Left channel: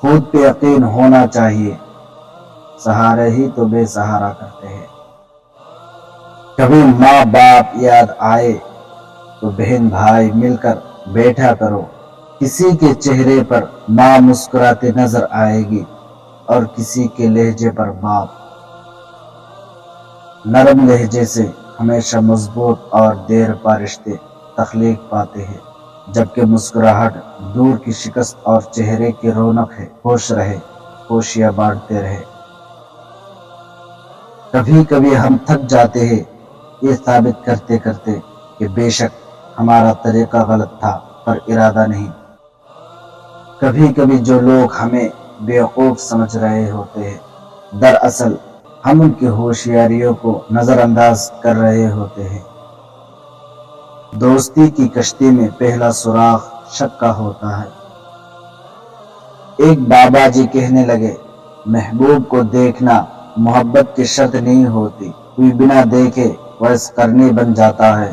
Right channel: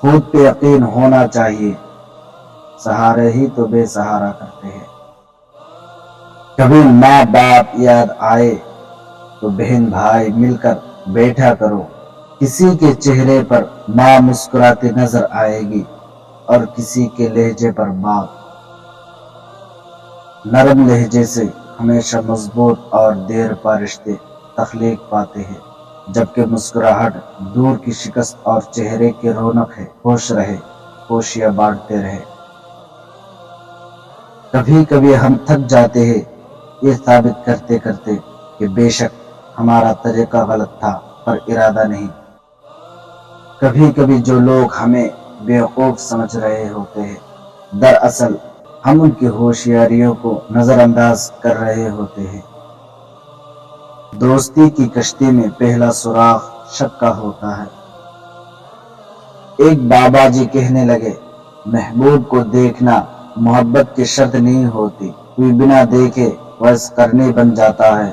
خود پہ یقین ہونا چاہیے، سہارے ہی تو بے سہارا کرتے ہیں۔ کبھی ماں باپ یاد آئے تو بہن بھائی مل کر بیٹھا کرو، کسی کے چہرے پر ماں مسکراتی نظر آئے گی اور کسی کے لہجے پر باپ۔ نرم لہجے سے ہمیشہ مضبوط اور دیر پا رشتے تخلیق پاتے ہیں، جبکہ مسکراہٹ دور کی شکست اور چہرے کی رونق ہے۔ خوش رہے، خوشیاں بانٹتے رہے۔ کبھی کبھی ہم تھک جاتے ہیں یہ ثابت کرتے کرتے کہ بے شک ہمارا طریقہ غلط تھا پر ارادہ نہیں۔ کبھی کبھی جو لوگ ہمیں بیوقوف سمجھ رہے ہوتے ہیں، دراصل ہم ان کی ہوشیاریوں کو نظر انداز کر رہے ہوتے ہیں۔ دوستی کی کشتی میں پہلا سراغ شک کا ہوتا ہے۔ ایک بابا جی کہنے لگے، محبوب کو دیکھنا محبت کی شرط نہیں ہوتی، کوئی بنا دیکھے ویس کرنی بن جاتا ہے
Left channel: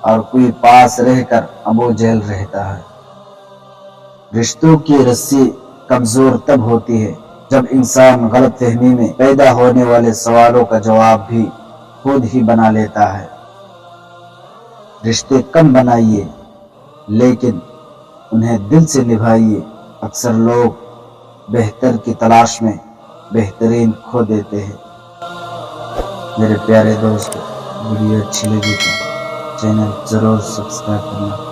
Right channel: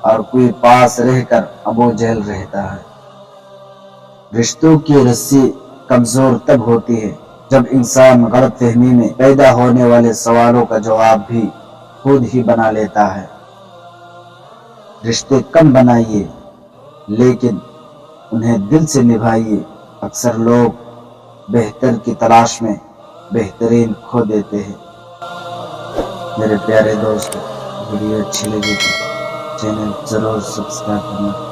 اور کوئی پاس رہ کر ابو جہل رہتا ہے۔ رشتوں کی رسی کمزور تب ہوتی ہے جب انسان غلط فہمی میں پیدا ہونے والے سوالوں کا جواب بھی خود ہی بنا لیتا ہے۔ رشتے کم بنائیے لیکن انہیں دل سے نبھائیے۔ اکثر لوگ بہتر کی تلاش میں بہترین کھو دیتے ہیں۔ میرے پیارے دوست، ویڈیو اچھی لگی تو چینل ضرور سبسکرائب کرنا۔